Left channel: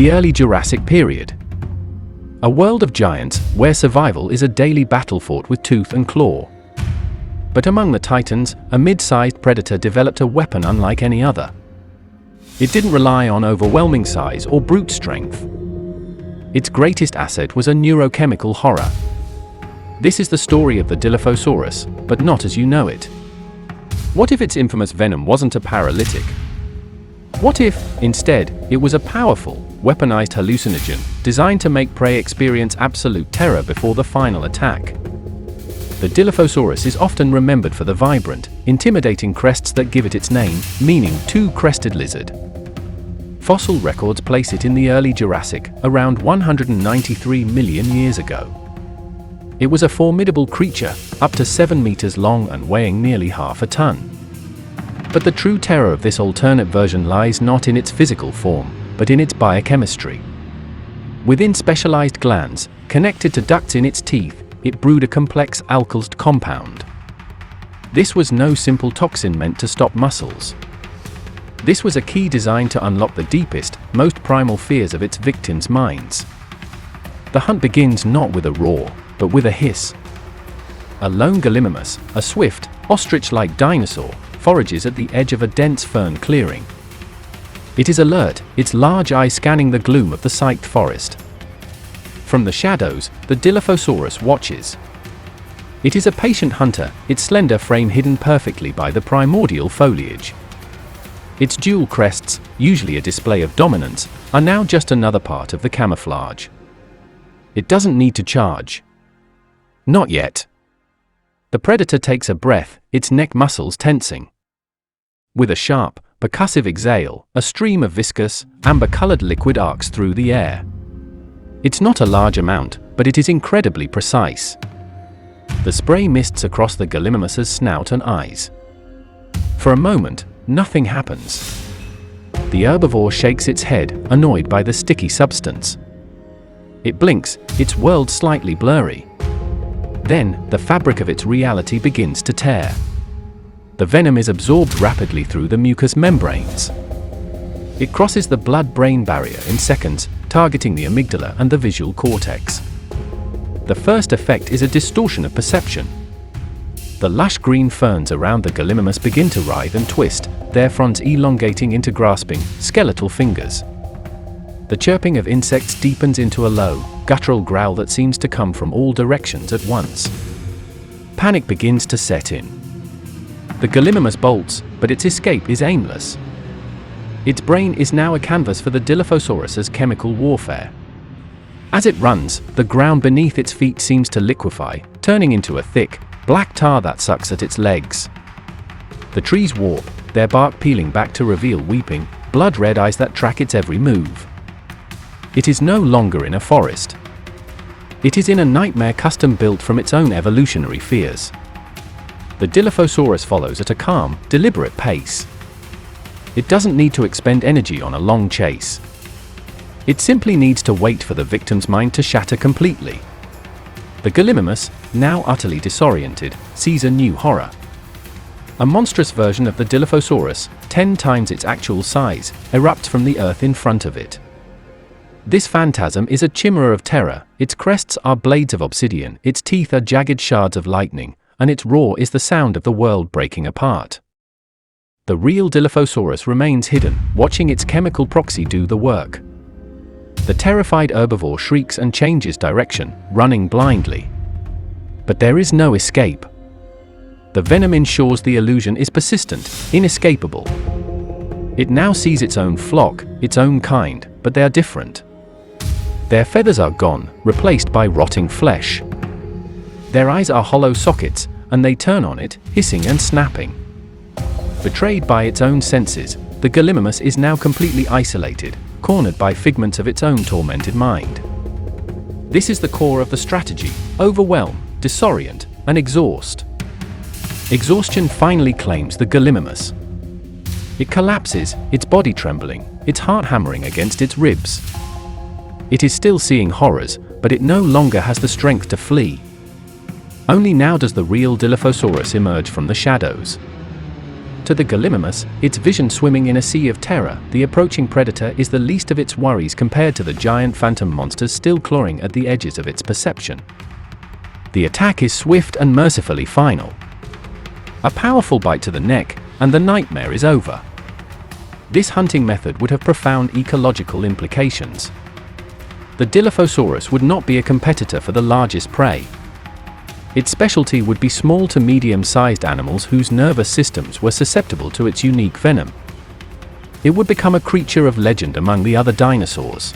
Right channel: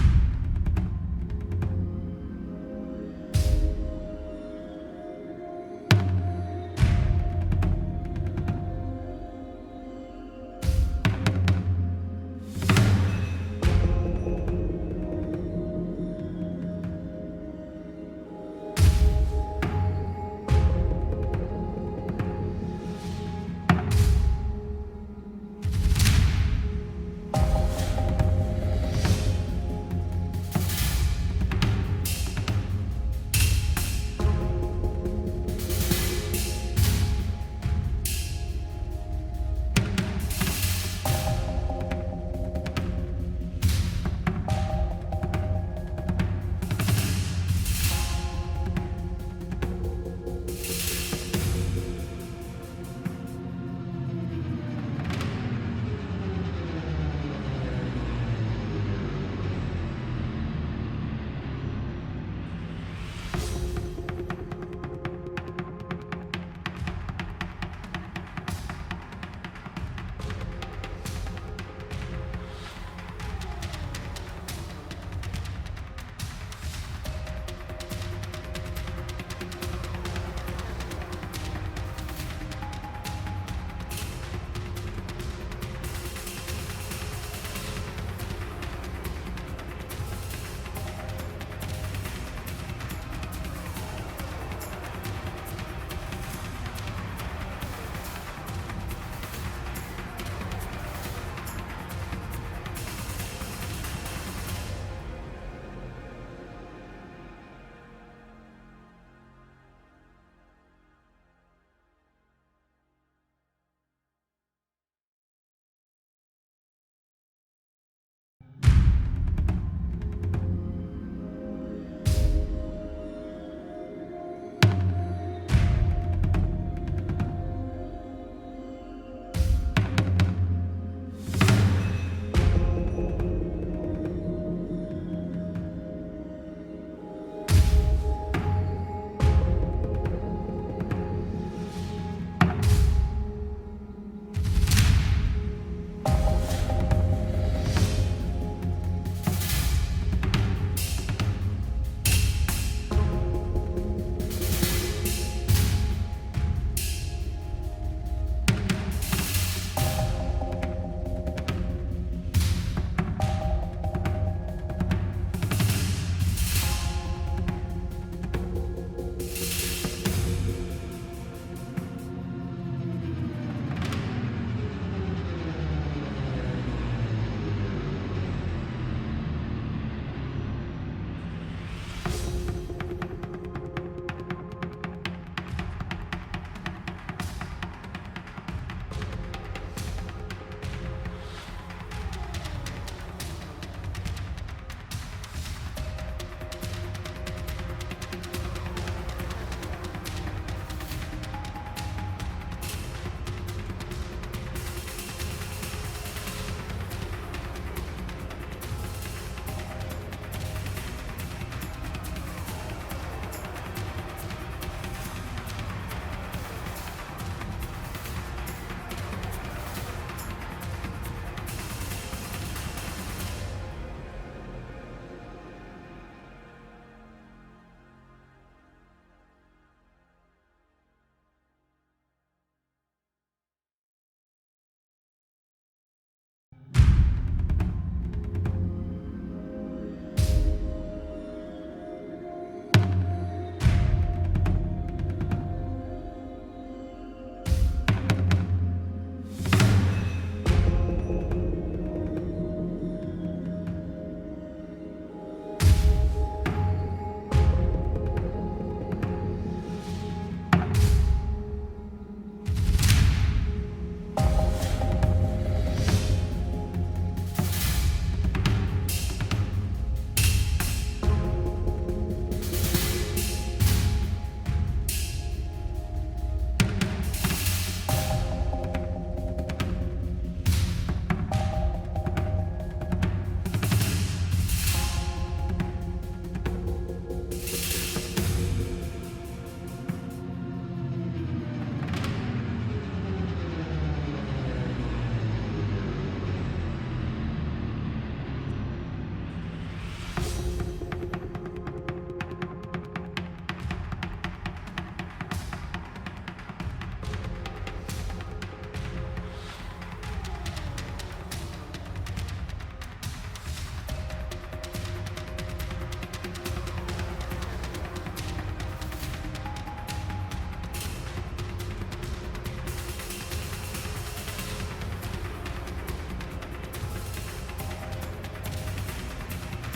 The early Jurassic period. A world of giants where survival is a daily battle fought with tooth and claw. But among the titans, a mid-sized predator developed a weapon unlike any other. It didn't rely on overwhelming size or brute strength. Its greatest asset was a neurochemical horror. This is the story of the Dilophosaurus, but not as you know it. What if its infamous venom wasn't a paralytic? What if, instead, it was a powerful, weaponized hallucinogen designed to make prey experience absolute terror before the final attack? The Dilophosaurus is often remembered for the vibrant, intimidating crests that give it its name, meaning two-crested lizard. Fossil records place it in the early Jurassic, around 193 million years ago. It was a formidable creature, up to 7 meters long and weighing nearly half a ton. But the true terror of this alternate version lies not in its physical form, but in its biochemistry. Within specialized glands, connected to ducts in its teeth, it brewed a complex alkylsed compound. This was no simple toxin meant to stop muscles. This was a key designed to unlock the deepest, most primal fears of its victims' minds. The hunt begins not with a roar, but with a hiss. A lone gallimimus, a swift, ostrich-like dinosaur, forages at the edge of a dense fern clearing. It is alert, its large eyes scanning the gloom of the psyched forest. From the shadows, the Dilophosaurus watches. It is a patient hunter, its slender frame hidden perfectly by the primordial foliage. Its dual crests, usually a display of dominance, are now just another part of the camouflage. It doesn't need to charge. Not yet. The predator takes a breath, its neck muscles tensing. With a sharp, percussive exhale, a stream of viscous, amber-colored liquid arcs through the air. It's not a large amount, but it is incredibly precise. The spray mists across the gallimimus's snout and eyes. For a moment, nothing happens. The herbivore shakes its head, annoyed by the sticky substance. It blinks, its world slightly blurry. Then, the fabric of its reality begins to tear. The venom is absorbed rapidly through the mucous membranes. It crosses the blood-brain barrier in seconds, targeting the amygdala and the visual cortex. The first effect is a distortion of perception. The lush green ferns around the gallimimus begin to writhe and twist, their fronds elongating into grasping, skeletal fingers. The chirping of insects deepens into a low, guttural growl that seems to come from all directions at once. Panic begins to set in. The gallimimus bolts, but its escape is aimless. Its brain is now a canvas for the Dilophosaurus's chemical warfare. As it runs, the ground beneath its feet seems to liquefy, turning into a thick, black tar that sucks at its legs. The trees warp, their bark peeling back to reveal weeping, blood-red eyes that track its every move. It is no longer in a forest. It is in a nightmare custom-built from its own evolutionary fears. The Dilophosaurus follows at a calm, deliberate pace. It doesn't need to expend energy on a long chase. It simply needs to wait for the victim's mind to shatter completely. The gallimimus, now utterly disoriented, sees a new horror. A monstrous version of the Dilophosaurus, 10 times its actual size, erupts from the earth in front of it. This phantasm is a chimera of terror, its crests are blades of obsidian, its teeth are jagged shards of lightning, and its roar is the sound of the world breaking apart. The real Dilophosaurus remains hidden, watching its chemical proxy do the work. The terrified herbivore shrieks and changes direction, running blindly. But there is no escape. The venom ensures the illusion is persistent, inescapable. It now sees its own flock, its own kind, but they are different. Their feathers are gone, replaced by rotting flesh. Their eyes are hollow sockets, and they turn on it, hissing and snapping. Betrayed by its own senses, the gallimimus is now completely isolated, cornered by figments of its own tormented mind. This is the core of the strategy: overwhelm, disorient, and exhaust. Exhaustion finally claims the gallimimus. It collapses, its body trembling, its heart hammering against its ribs. It is still seeing horrors, but it no longer has the strength to flee. Only now does the real Dilophosaurus emerge from the shadows. To the Gallimimus, its vision swimming in a sea of terror, the approaching predator is the least of its worries compared to the giant phantom monsters still clawing at the edges of its perception. The attack is swift and mercifully final. A powerful bite to the neck, and the nightmare is over. This hunting method would have profound ecological implications. The Dilophosaurus would not be a competitor for the largest prey. Its specialty would be small to medium-sized animals whose nervous systems were susceptible to its unique venom. It would become a creature of legend among the other dinosaurs.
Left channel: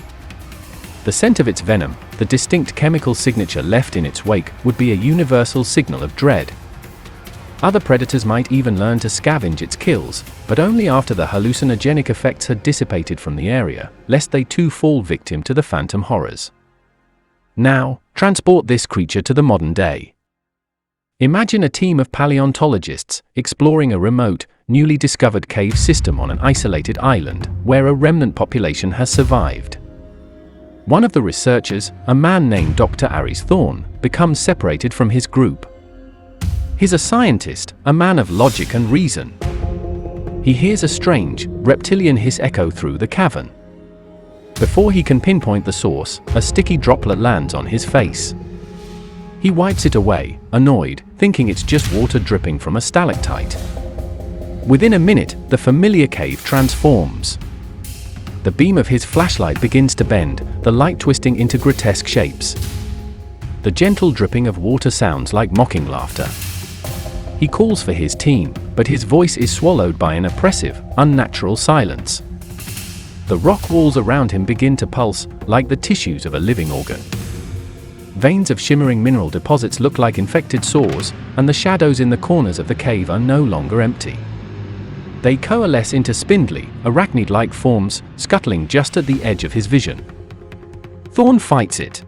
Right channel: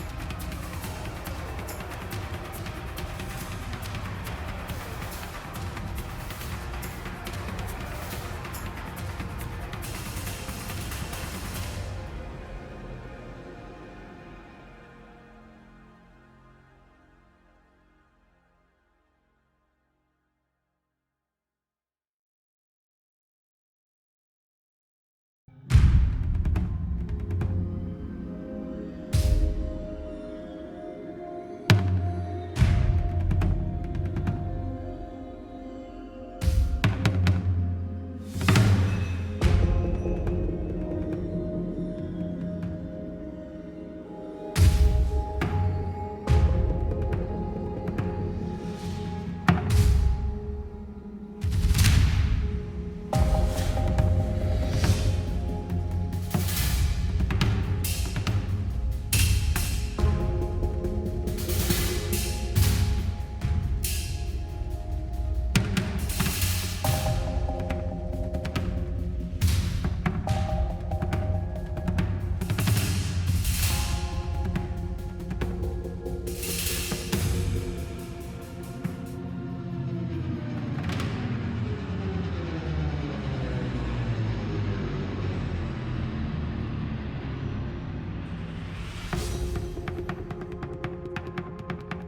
The scent of its venom, the distinct chemical signature left in its wake, would be a universal signal of dread. Other predators might even learn to scavenge its kills, but only after the hallucinogenic effects had dissipated from the area, lest they too fall victim to the phantom horrors. Now, transport this creature to the modern day. Imagine a team of paleontologists exploring a remote, newly discovered cave system on an isolated island where a remnant population has survived. One of the researchers, a man named Dr. Aries Thorne, becomes separated from his group. He's a scientist, a man of logic and reason. He hears a strange, reptilian hiss echo through the cavern. Before he can pinpoint the source, a sticky droplet lands on his face. He wipes it away, annoyed, thinking it's just water dripping from a stalactite. Within a minute, the familiar cave transforms. The beam of his flashlight begins to bend, the light twisting into grotesque shapes. The gentle dripping of water sounds like mocking laughter. He calls for his team, but his voice is swallowed by an oppressive, unnatural silence. The rock walls around him begin to pulse, like the tissues of a living organ. Veins of shimmering mineral deposits look like infected sores, and the shadows in the corners of the cave are no longer empty. They coalesce into spindly, arachnid-like forms, scuttling just at the edge of his vision. Thorne fights it.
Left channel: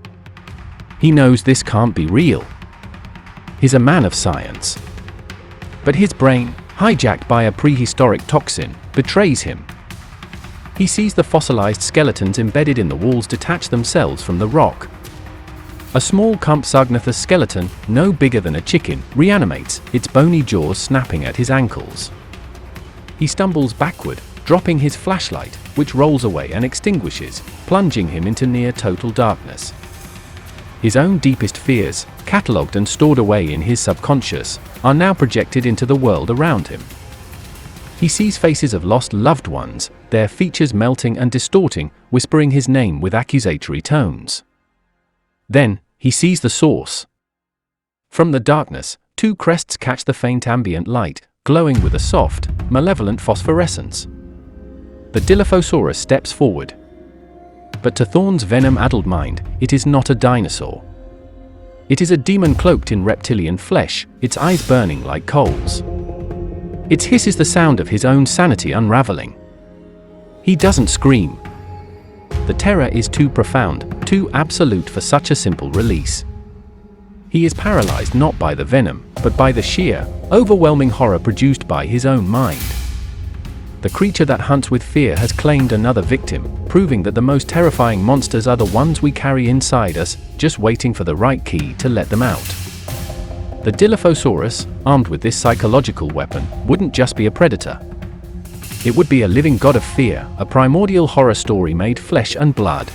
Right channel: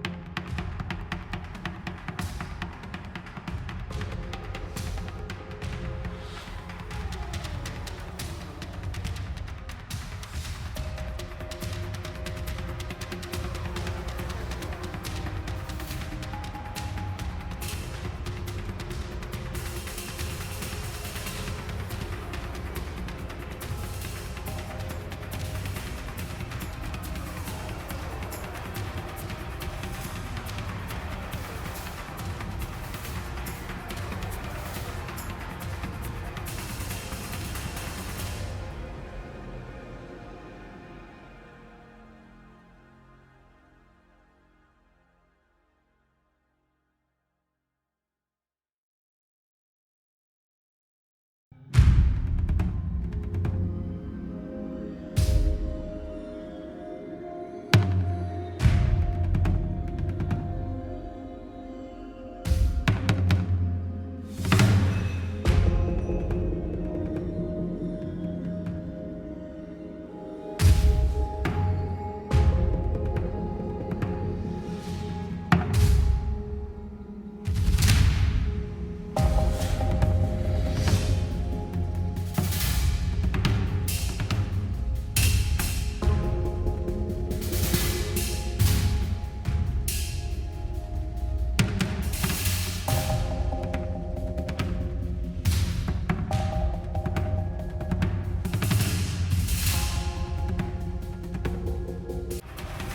He knows this can't be real. He's a man of science. But his brain, hijacked by a prehistoric toxin, betrays him. He sees the fossilized skeletons embedded in the walls detach themselves from the rock. A small Compsognathus skeleton, no bigger than a chicken, reanimates, its bony jaws snapping at his ankles. He stumbles backward, dropping his flashlight, which rolls away and extinguishes, plunging him into near total darkness. His own deepest fears, catalogued and stored away in his subconscious, are now projected into the world around him. He sees faces of lost loved ones, their features melting and distorting, whispering his name with accusatory tones. Then, he sees the source. From the darkness, two crests catch the faint ambient light, glowing with a soft, malevolent phosphorescence. The Dilophosaurus steps forward. But to Thorne's venom-addled mind, it is not a dinosaur. It is a demon cloaked in reptilian flesh, its eyes burning like coals. Its hiss is the sound of his own sanity unraveling. He doesn't scream. The terror is too profound, too absolute for such a simple release. He is paralyzed not by the venom, but by the sheer, overwhelming horror produced by his own mind. The creature that hunts with fear has claimed another victim, proving that the most terrifying monsters are the ones we carry inside us, just waiting for the right key to let them out. The Dilophosaurus, armed with this psychological weapon, wouldn't just be a predator. It would be a living god of fear, a primordial horror story made flesh and blood.